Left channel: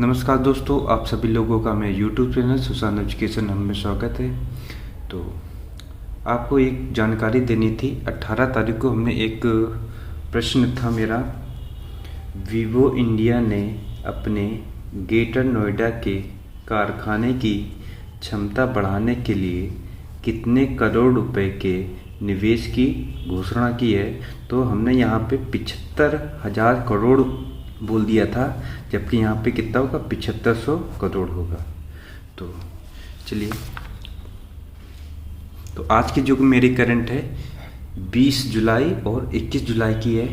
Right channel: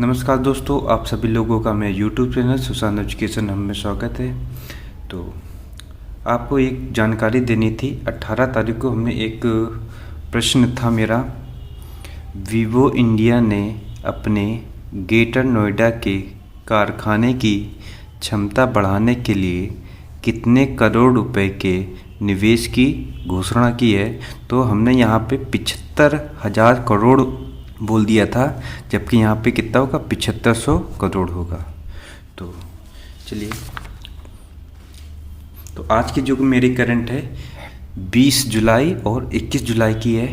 नमस्कार दोस्तों, आप सभी लोगों का मैं यूट्यूब चैनल सुशांत एजुकेशन में स्वागत है। तो आपको एक जानकारी देनी थी। 18 तारीख को हमने एक प्रश्न था मेरा, वीवो इंडिया ने अपने ग्रेटर नोएडा के कारखाने की क्षमता बढ़ाने के लिए कितने करोड़ रुपए के निवेश की घोषणा की है। तो हमने यहाँ पे 75,000 करोड़ बोल दिया था, जबकि यहाँ पे कितना होगा, 7500 करोड़ होगा। तो चलिए, तो आज की जो मेरी करंट है 20 जुलाई और 21 जुलाई की है,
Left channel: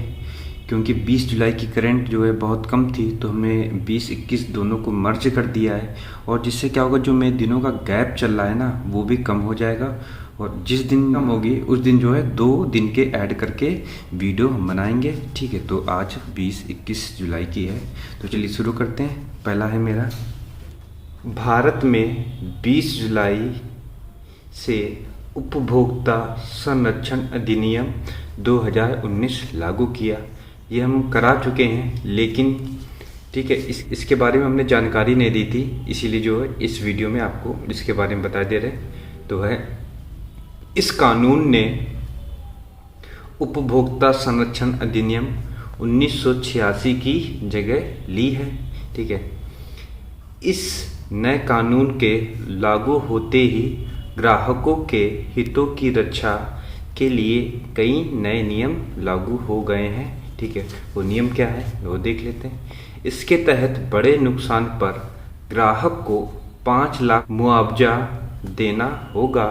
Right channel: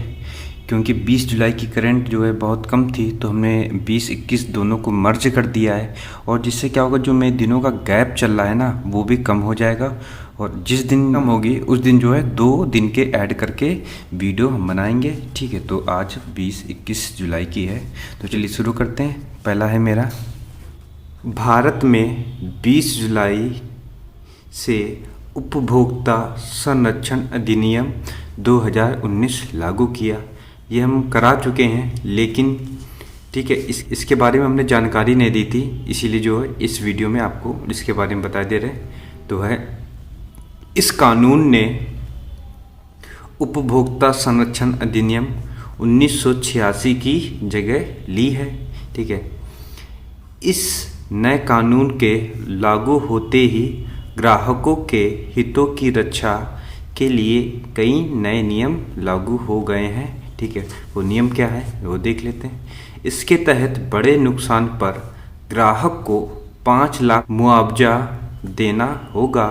क्योंकि 20 जुलाई की करंट जो है बहुत कम थी, तो हमने 20-21 दोनों को मर्ज कर दिया है। और जिससे क्या होगा, जो मेरे दिनों का गैप चल रहा है ना, वो भी कम हो जाएगा। और जिस दिन कम होगी उस दिन जो है 2 दिन के ऐड करके वीडियो हम बनाएंगे। ठीक है, तो आज 20-21 जुलाई की है। तो चलिए शुरू करते हैं। पहला है मेरा, भारत में 20 जुलाई से उपभोक्ता संरक्षण अधिनियम 2019 लागू किया। ये हम करा चुके हैं, लेकिन ठीक है, इसके बारे में हमने जानकारी नहीं दी थी, इसीलिए जो है इस वीडियो में आपको इसके बारे में बता दे रहे। तो है, इस कानून ने उपभोक्ता संरक्षण अधिनियम 1986 की जगह ली है। ठीक है, इस नए कानून के लागू होते ही ग्राहकों के हितों की रक्षा के लिए कई नए नियम लागू हो गए हैं। ठीक है, वो नियम क्या है वो देख लेते हैं। इसके तहत बड़े नुकसान पर ग्राहक को 5 लाख मुआवजा देना होगा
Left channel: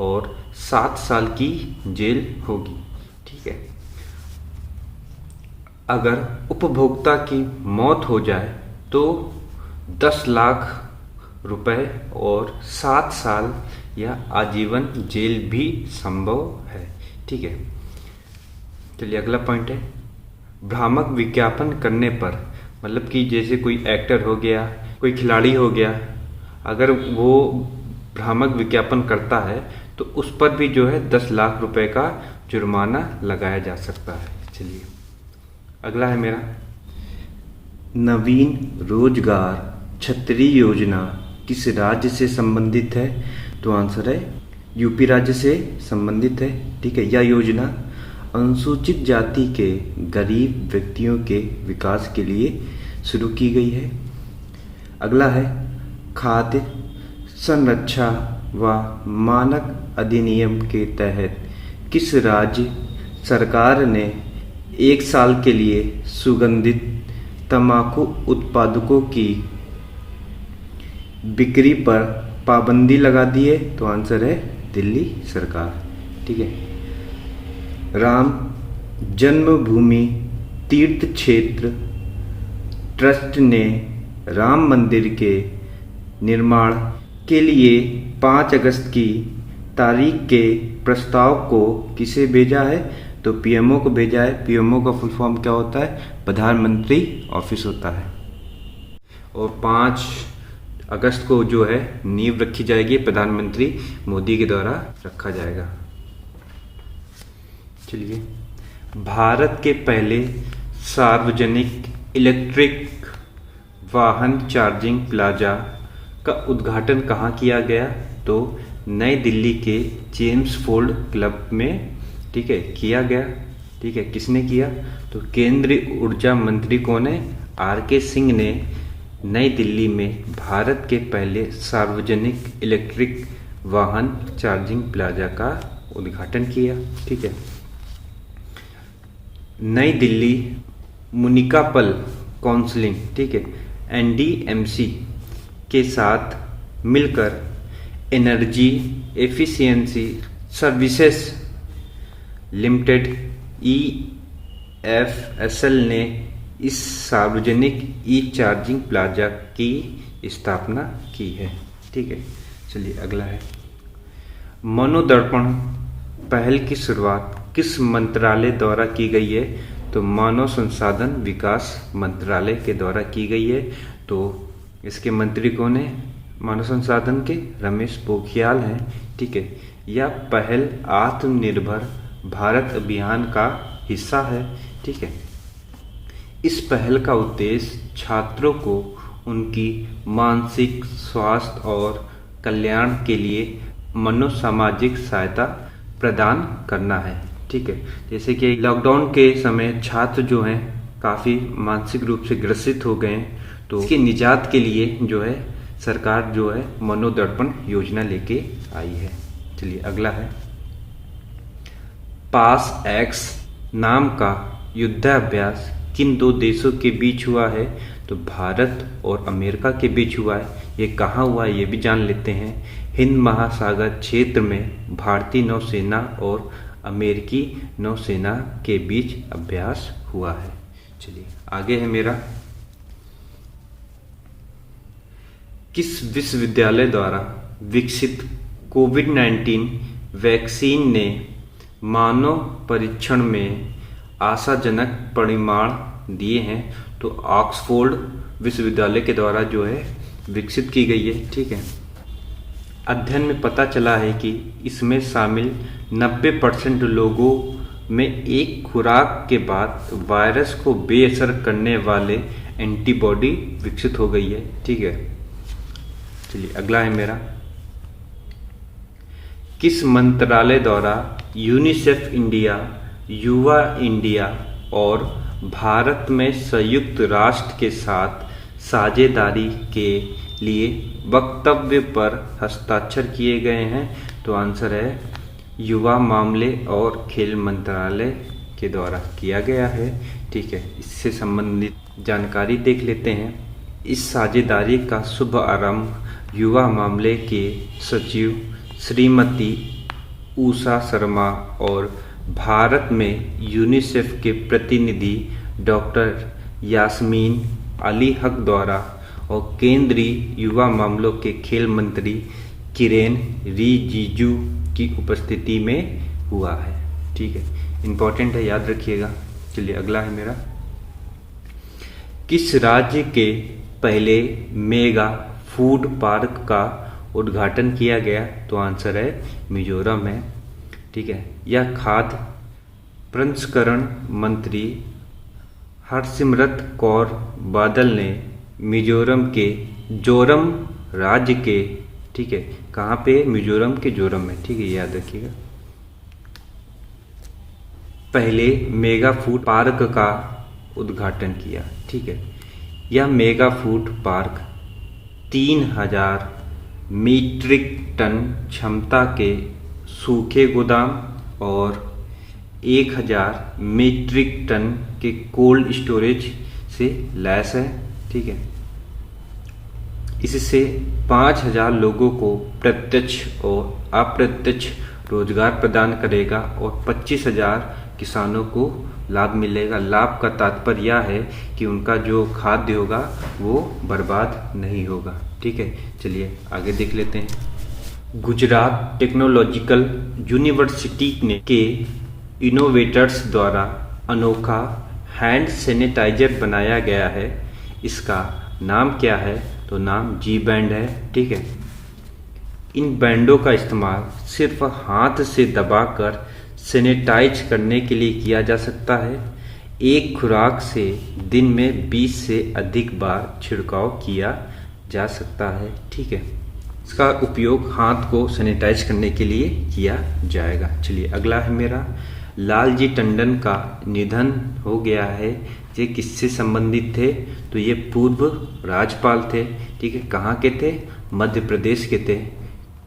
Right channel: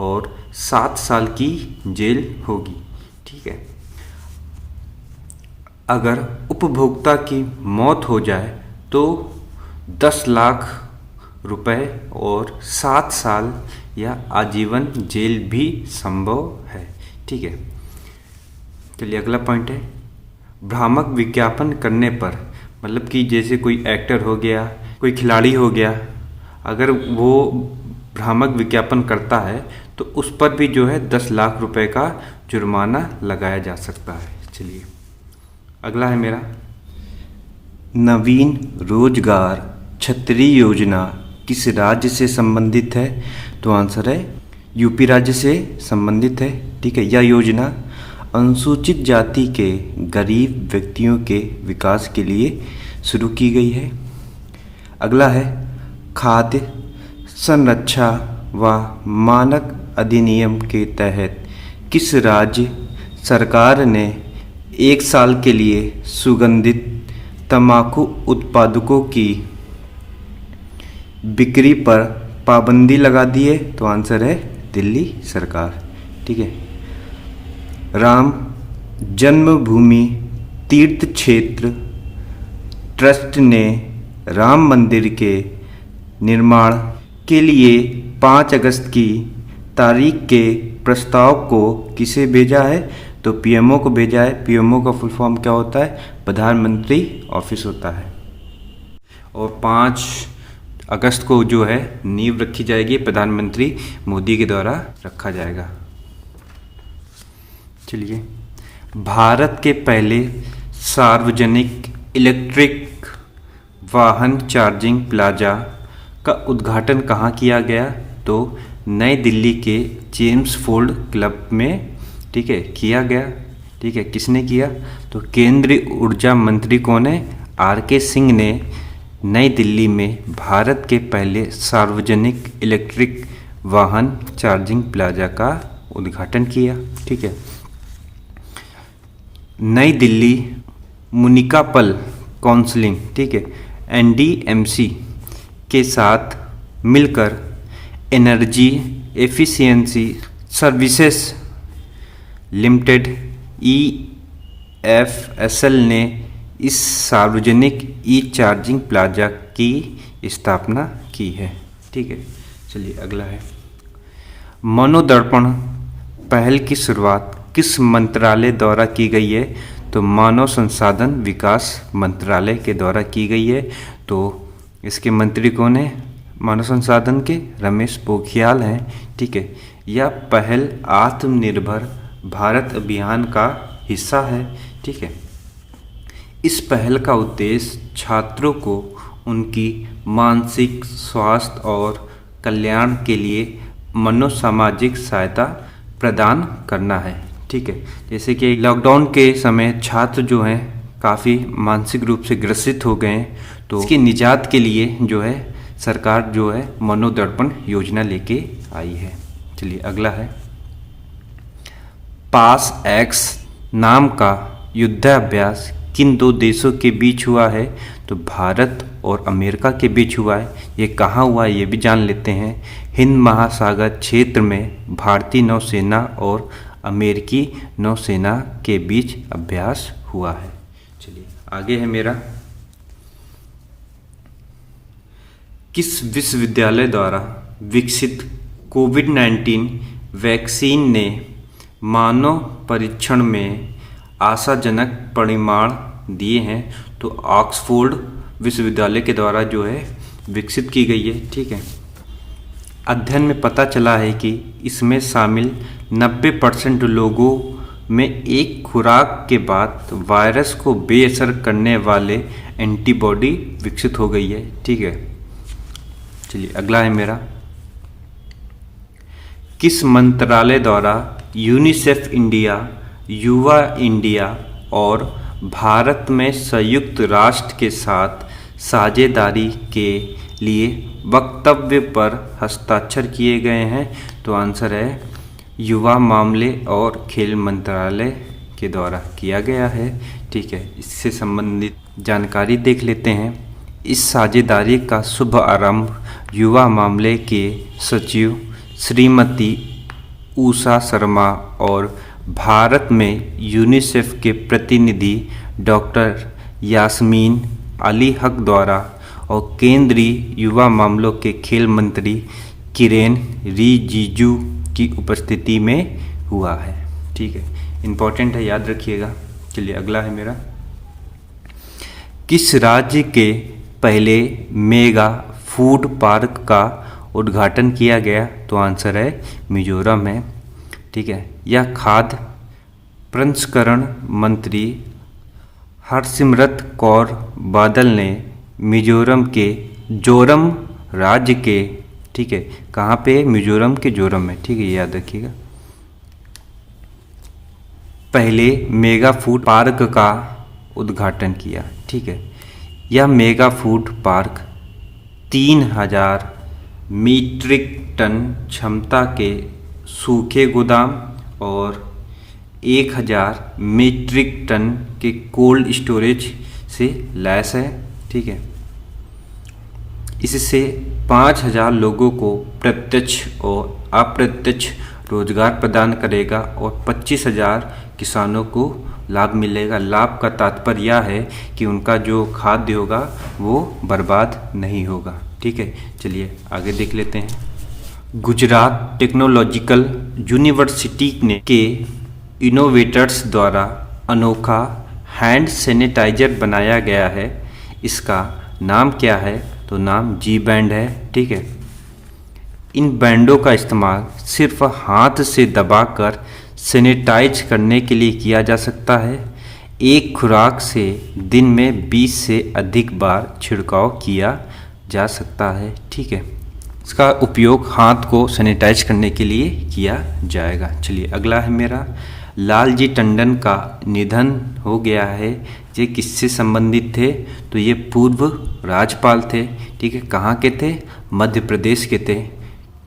और 7 साल की जेल होगी। ठीक है, अगर उपभोक्ता की मौत हो जाए तो 10 लाख रुपए और 7 साल या आजीवन जेल भी संभव है। ठीक है, चलिए अगला पॉइंट है, भ्रामक विज्ञापन करने पर, मतलब कि जैसे कोई एक्टर हो गया, कोई खिलाड़ी हो गया, अगर वो भ्रामक विज्ञापन करता है तो उस पर भी जो है 10 लाख रुपए का जुर्माना लगाया जा सकता है। चलिए अगला है मेरा, नवीन रोजगार छतरी योजना किस राज्य से संबंधित है। तो आंसर है यूपी राज्य से संबंधित है। ठीक है, यह योजना अनुसूचित जाति के गरीब व्यक्तियों के विकास के लिए शुरू की गई है। अगला है, खाद्य संरक्षा व मानक अधिनियम के तहत किस राज्य सरकार ने 1 साल के लिए सुगंधित तंबाकू उत्पादकों की बिक्री पर पाबंदी लगा दी है। तो आंसर है दिल्ली सरकार। ठीक है, राम जन्मभूमि तीर्थ क्षेत्र ट्रस्ट ने राम मंदिर के निर्माण के लिए 5 अगस्त की तारीख के प्रस्ताव को किसे भेजा है। तो पीएमओ को भेजा है। पीएमओ का फुल फॉर्म क्या होता है, प्रधानमंत्री ऑफिस होता है। और 5 अगस्त को जो है नींव रखी जाएगी, प्रधानमंत्री मोदी के द्वारा रखा जाएगा। चलिए, भारत के पहले सार्वजनिक इलेक्ट्रिक वाहन चार्जिंग प्लाजा का उद्घाटन कहाँ किया गया। तो नई दिल्ली के जेम्स फोर्ड क्लब में, ठीक है, किया गया। ठीक है, किसने किया, तो केंद्रीय ऊर्जा मंत्री कौन है, आर.के. सिंह ने नई दिल्ली में भारत के पहले सार्वजनिक इलेक्ट्रिक वाहन चार्जिंग प्लाजा का उद्घाटन किया। ठीक है, नई दिल्ली म्युनिसिपल काउंसिल, ठीक है, एनडीएमसी के साथ मिलकर एनर्जी एफिशिएंसी सर्विसेज लिमिटेड ईएफएसएल ने इस सार्वजनिक ई चार्जिंग प्लाजा की स्थापना की है। ठीक है, चलिए अगला है, मनोदर्पण पहल की शुरुआत किस मंत्रालय द्वारा की गई है। तो मानव संसाधन विकास मंत्रालय के द्वारा की गई है। तो इसके मंत्री कौन है, मानव संसाधन के रमेश पोखरियाल हैं। ठीक है, यह पहल आत्मनिर्भर भारत अभियान का हिस्सा है। ठीक है, इस पहल का उद्देश्य छात्रों को उनकी मानसिक स्वास्थ्य और कल्याण के लिए मनोसामाजिक सहायता प्रदान करना है। ठीक है, जैसे कि लॉकडाउन के समय छात्र जो हैं काफ़ी मानसिक रूप से ग्रसित हो गए हैं, तो इसके निजात के लिए जो है सरकार जो है मनोदर्पण योजना लेके आई है। चलिए अगला है, पास एक्स नाम का युद्धाभ्यास किन दो देशों के बीच हुआ है? तो भारत और अमेरिका के बीच हुआ है। ये कहाँ हुआ है ये भी जान लेते हैं। हिंद महासागर क्षेत्र में भारतीय नौसेना और अमेरिकी नौसेना के बीच अभ्यास हुआ है। चलिए आगे है मेरा, किस विश्वविद्यालय द्वारा विकसित कोविड-19 वैक्सीन ने मानव परीक्षण में आशाजनक परिणाम दिए हैं? तो ऑक्सफोर्ड विश्वविद्यालय के द्वारा जो है विकसित की गई है। ठीक है, अध्ययन में पता चला है कि इसमें शामिल 90% लोगों में एक खुराक के बाद वायरस को बेअसर करने वाले एंटीबॉडी विकसित हो गई है। ठीक है, चलिए अगला है मेरा, किस मंत्रालय द्वारा यूनिसेफ इंडिया, युवा इंडिया और भारत में संयुक्त राष्ट्र के साथ साझेदारी के लिए वक्तव्य पर हस्ताक्षर किए गए हैं? तो आंसर है युवा मामले और खेल मंत्रालय के द्वारा किया गया है। ठीक है, इससे संबंधित जानकारी देख लेते हैं। इस साझेदारी का शुभ आरंभ युवा मामले के सचिव श्रीमती उषा शर्मा और भारत में यूनिसेफ के प्रतिनिधि डॉक्टर यास्मीन अली हक द्वारा और केंद्रीय युवा मामलों के खेल मंत्री किरेन रिजिजू की उपस्थिति में हुआ है। ठीक है, इम्पोर्टेंट है, याद रखिएगा। चलिए अगला है मेरा, किस राज्य के पहले मेगा फूड पार्क का उद्घाटन किया गया? तो आंसर है मिजोरम है। ठीक है, यह खाद्य प्रसंस्करण मंत्री हरसिमरत कौर बादल ने मिजोरम के जोरम राज्य के, ठीक है, कहाँ पे? मिजोरम के जोरम में। ठीक है, याद रखिएगा। पहले मेगा फूड पार्क का उद्घाटन किया। ठीक है, यह mega food park 3000 metric ton क्षमता के सूखे गोदाम और 1000 मीट्रिक टन के कोल्ड स्टोरेज से लैस है। ठीक है, इससे 5000 लोगों को प्रत्यक्ष और अप्रत्यक्ष रोजगार प्रदान करेगा और 25,000 किसानों को लाभ मिलेगा। लाभ का तात्पर्य यह है कि उनका जो खाद्य होगा वो बर्बाद नहीं होगा। ठीक है, चलिए आगे देख लेते हैं। गुजरात टेक्नोलॉजिकल यूनिवर्सिटी ने के इनोवेटर्स द्वारा अनोखा हैंड सैनिटाइजर बनाया गया है। इसका नाम क्या है? तो नाम जी बैंड है। ठीक है, इन बैंडों का इस्तेमाल सिर्फ हाथ से दबाकर सैनिटाइज करने के लिए किया जा सकता है। एक खुराक से दिन में 20 से अधिक बार छिड़काव किया जा सकता है। ठीक है, इसका उपयोग हाथ को सैनिटाइज करने के लिए किया जाएगा। चलिए अगला है मेरा, लालजी टंडन का निधन हो गया है। ये किससे संबंधित थे? तो ये पूर्व राज्यपाल थे। ठीक है, कहाँ के थे? मध्य प्रदेश के थे।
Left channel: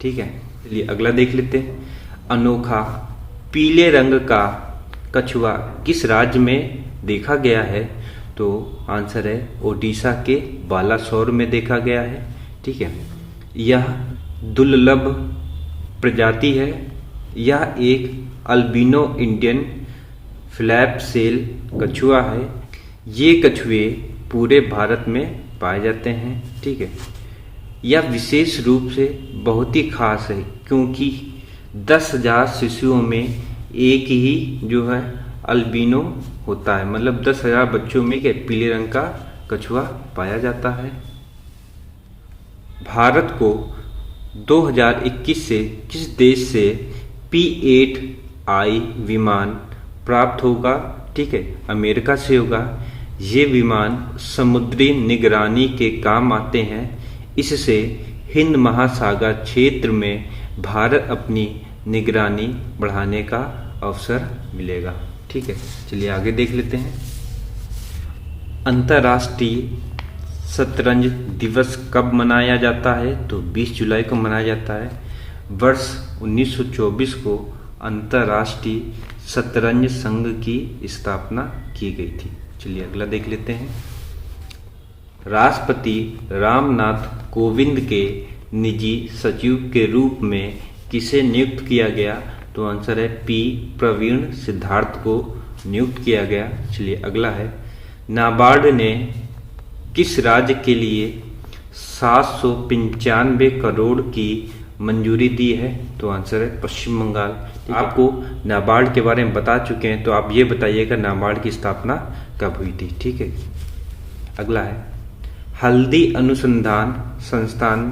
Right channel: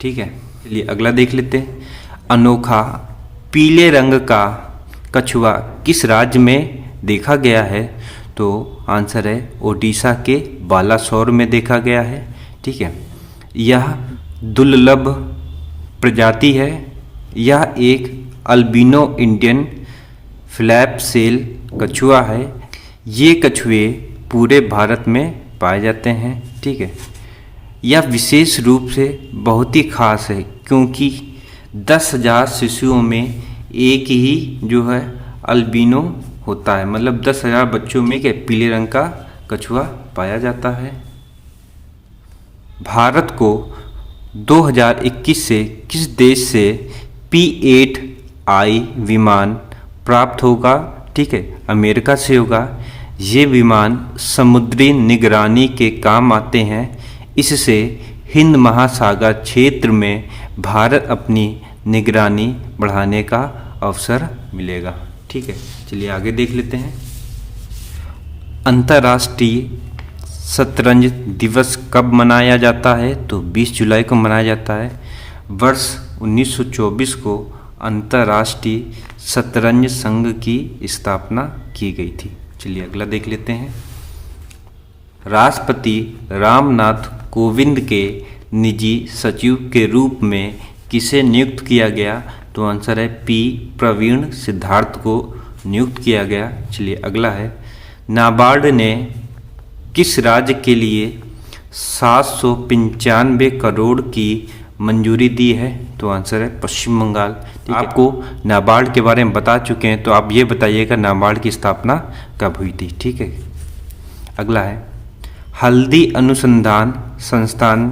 ठीक है, चलिए अगला देख लेते हैं। अनोखा पीले रंग का कछुआ किस राज्य में देखा गया है? तो आंसर है ओडिशा के बालासोर में देखा गया है। ठीक है, यह दुर्लभ प्रजाति है। यह एक अल्बिनो इंडियन फ्लैप सेल कछुआ है। ये कछुए पूरे भारत में पाए जाते हैं। ठीक है, यह विशेष रूप से बहुत ही खास है क्योंकि 10,000 शिशुओं में एक ही जो है अल्बिनो होता है। मतलब 10,000 बच्चों में के पीले रंग का कछुआ पाया जाता है। भारत को 2021 से किस देश से P8I विमान प्राप्त होगा? ठीक है, अमेरिका से होगा। ये विमान समुद्री निगरानी के काम आते हैं। इससे हिंद महासागर क्षेत्र में भारत अपनी निगरानी बढ़ाने का अवसर मिलेगा। ठीक है, चलिए आगे देख लेते हैं। अंतर्राष्ट्रीय शतरंज दिवस कब मनाया जाता है? तो 20 जुलाई को मनाया जाता है। वर्ष 1924 को अंतर्राष्ट्रीय शतरंज संघ की स्थापना की गई थी। चलिए अगला देख लेते हैं। राष्ट्रपति रामनाथ कोविंद के निजी सचिव के रूप में किसे नियुक्त किया गया? तो आंसर है पी प्रवीण सिद्धार्थ को नियुक्त किया गया। चलिए अगला है, नाबार्ड ने किस राज्य के लिए 795 करोड़ की मंजूरी दी है? तो आंसर है पश्चिम बंगाल। आपको नाबार्ड के बारे में बता चुके हैं, तो आप ये बताइएगा नाबार्ड की स्थापना कब हुई थी। ठीक है, अगला है, हल्दी अनुसंधान संस्थान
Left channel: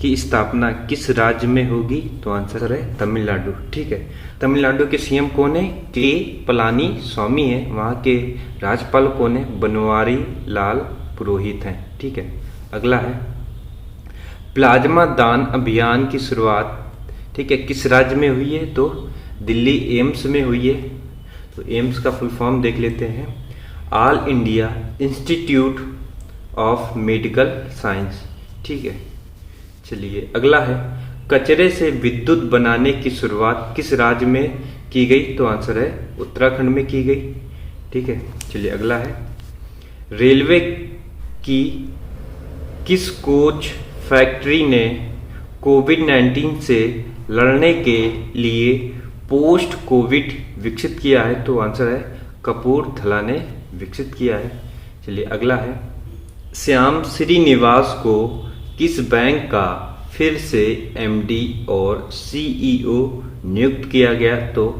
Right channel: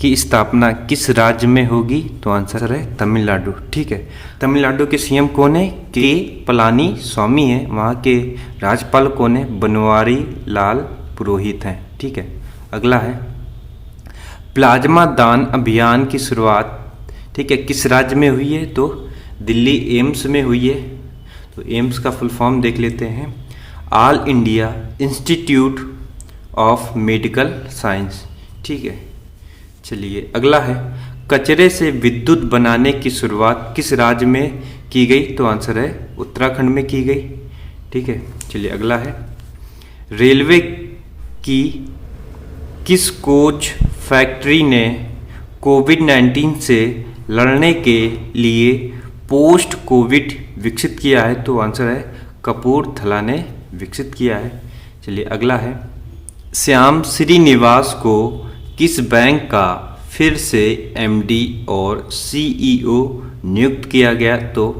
की स्थापना किस राज्य में होगी? तो आंसर है तमिलनाडु। ठीक है, तमिलनाडु के सीएम कौन है? के पलानी स्वामी है। वहाँ के राज्यपाल कौन है? बनवारी लाल पुरोहित हैं। ठीक है, अगला है, प्लाज्मा दान अभियान की शुरुआत, ठीक है, किस राज्य में हुई है? तो दिल्ली एम्स में हुई है। तो एम्स का फुल फॉर्म देख लेते हैं, all India institute of medical science. ठीक है, चलिए अगला है, कचरे से विद्युत बनाने की शुरुआत किस राज्य में की गई? तो आंसर है उत्तराखंड में की गई। ठीक है, चलिए अगला है, रेलवे की किस कोच फैक्ट्री ने कोविड-19 से लड़ने के लिए पोस्ट कोविड विकसित किया है? तो आंसर है कपूरथला ने विकसित किया है। चलिए अगला है, श्याम श्रीनिवास को किस बैंक का फिर से एमडी और सीईओ नियुक्त किया गया? तो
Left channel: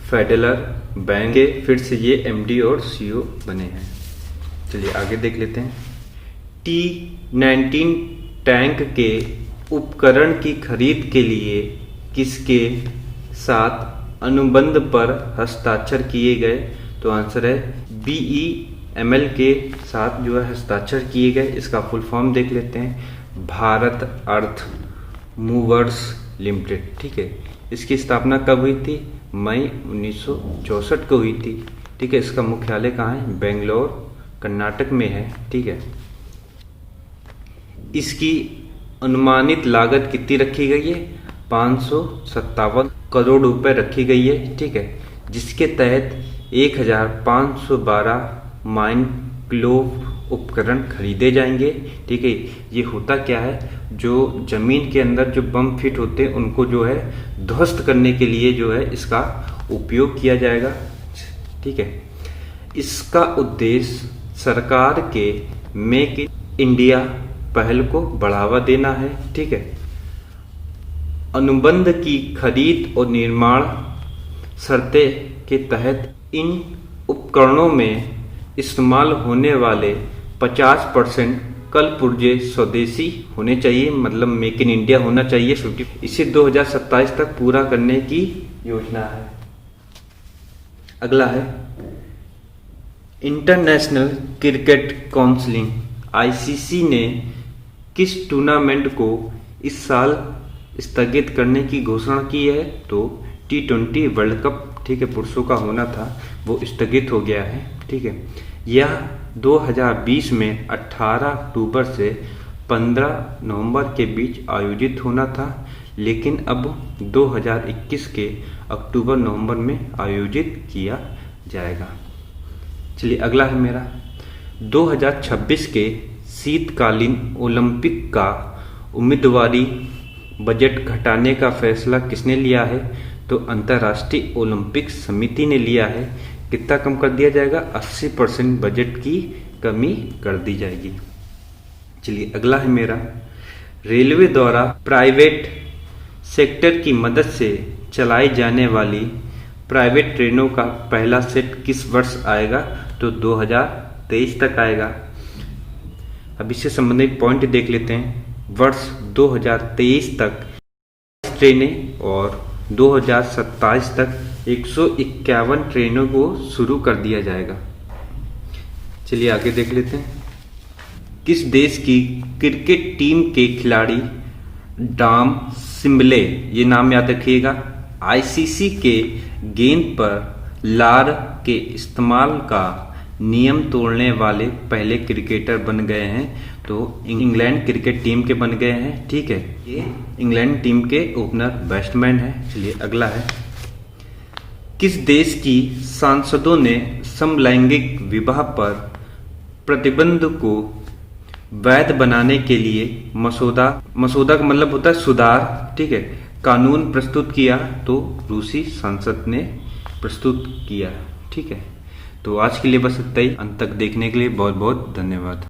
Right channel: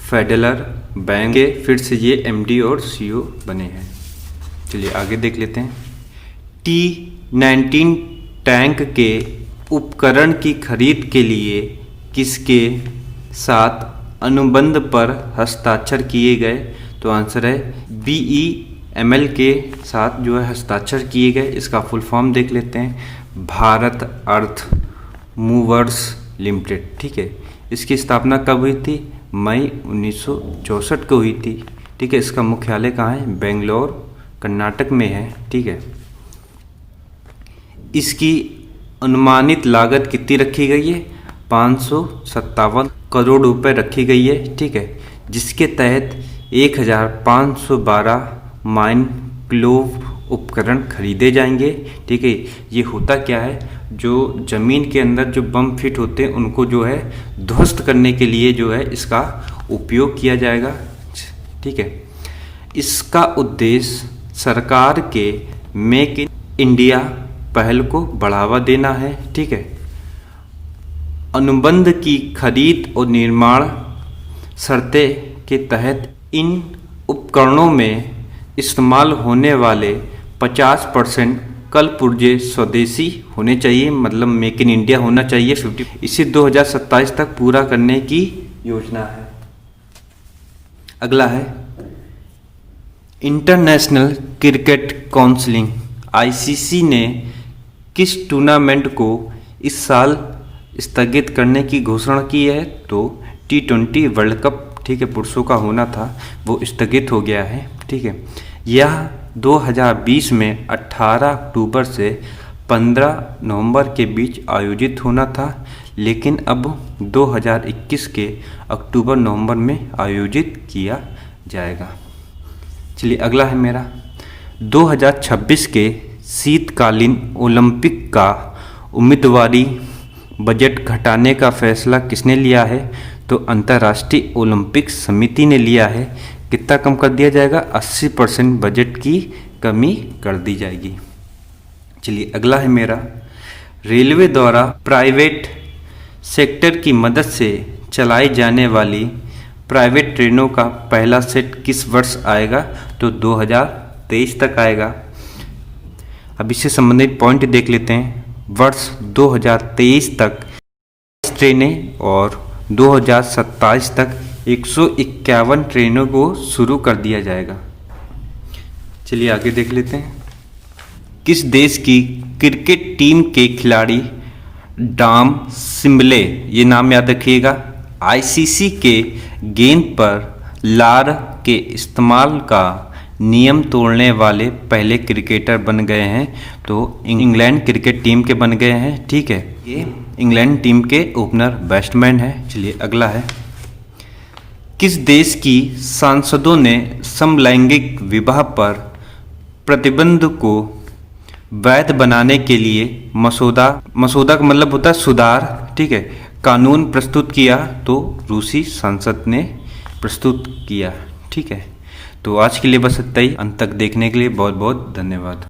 फेडरल बैंक के फिर से ये एमडी और सीईओ बने हैं। चलिए आगे देख लेते हैं, T-19 टैंक के उपकरण की खरीद के लिए किसके साथ अनुबंध पर हस्ताक्षर किए गए? तो आंसर है BEML के साथ जो है हस्ताक्षर किए गए। इसका फुल फॉर्म देख लेते हैं, भारत अर्थ मूवर्स लिमिटेड। ठीक है, इसकी स्थापना कब हुई थी? मई 1964 को हुई थी। ठीक है, इसका मुख्यालय कहाँ है? बेंगलोर कर्नाटक में है। ठीक है, इसकी अनुमानित लागत कितनी रखी गई है? 557 करोड़ रुपए रखी गई है। ठीक है, जिसके तहत 1512 माइन ग्लोव उपकरण खरीदे जाएंगे। ठीक है, ये होता क्या है, जो जमीन के अंदर जो बम फिट होते हैं उनको जो है ध्वस्त करने के लिए जो है इसका उपयोग किया जाएगा। ठीक है, इसका उद्देश्य सरकार के मेक इन इंडिया पहल को बढ़ावा देना है। ठीक है, अनुबंध की खरीद और निर्माण शर्तें के तहत इन उपकरणों में इस्तेमाल होने वाले 50% कल पुर्जे स्वदेशी होने चाहिए, मतलब मेक इन इंडिया होना चाहिए 50। इसे 2027 तक पूरा करने की योजना है। अगला है, इंटरनेशनल क्रिकेट काउंसिल ICC ने किस टूर्नामेंट को इस साल स्थगित करने की घोषणा की है? तो T20 वर्ल्ड कप, ठीक है, पुरुषों का होना था, वो स्थगित हो गया है। ठीक है, यह 2020 में 18 अक्टूबर से 15 नवंबर के बीच आयोजित होना था, लेकिन अब 2021 के अक्टूबर नवंबर में आयोजित किया जाएगा। चलिए अगला है मेरा, 2026 के शीतकालीन ओलंपिक का उम्मीदवारी बजट घटाने का फैसला किसने लिया है? तो अंतर्राष्ट्रीय ओलंपिक समिति ने लिया है। कितना कम कर दिया जाएगा? 80% बजट की कमी कर दी जाएगी। चलिए अगला है मेरा, रेलवे द्वारा प्राइवेट सेक्टर की मदद से चलाई जाने वाली प्राइवेट ट्रेनों का पहला सेट किस वर्ष आएगा? तो 2023 तक आएगा। अब इससे संबंधित पॉइंट देख लेते हैं। वर्ष 2023 तक ट्रेनें और 2027 तक 151 ट्रेनों को शुरू कर दिया जाएगा। चलिए आगे देख लेते हैं। किस देश की क्रिकेट टीम के खिलाड़ी डॉम सिम्बले, ये नाम याद रखिएगा, आईसीसी के गेंद पर लार के इस्तेमाल का नियम तोड़ने वाले पहले क्रिकेटर बन गए हैं? तो इंग्लैंड क्रिकेट टीम के बन गए हैं। ठीक है, ये इंग्लैंड टीम के ओपनर बैट्समैन है। चलिए अगला है, किस देश की सांसदों ने समलैंगिक विवाह पर प्रतिबंध को वैध बनाने के लिए मसौदा का मतलब होता है सुधार, ठीक है, कानून प्रस्तुत किया? तो रूसी संसद ने प्रस्तुत किया। ठीक है, तो आज के लिए बस इतना ही। अंत तक देखने के लिए बहुत बहुत धन्यवाद।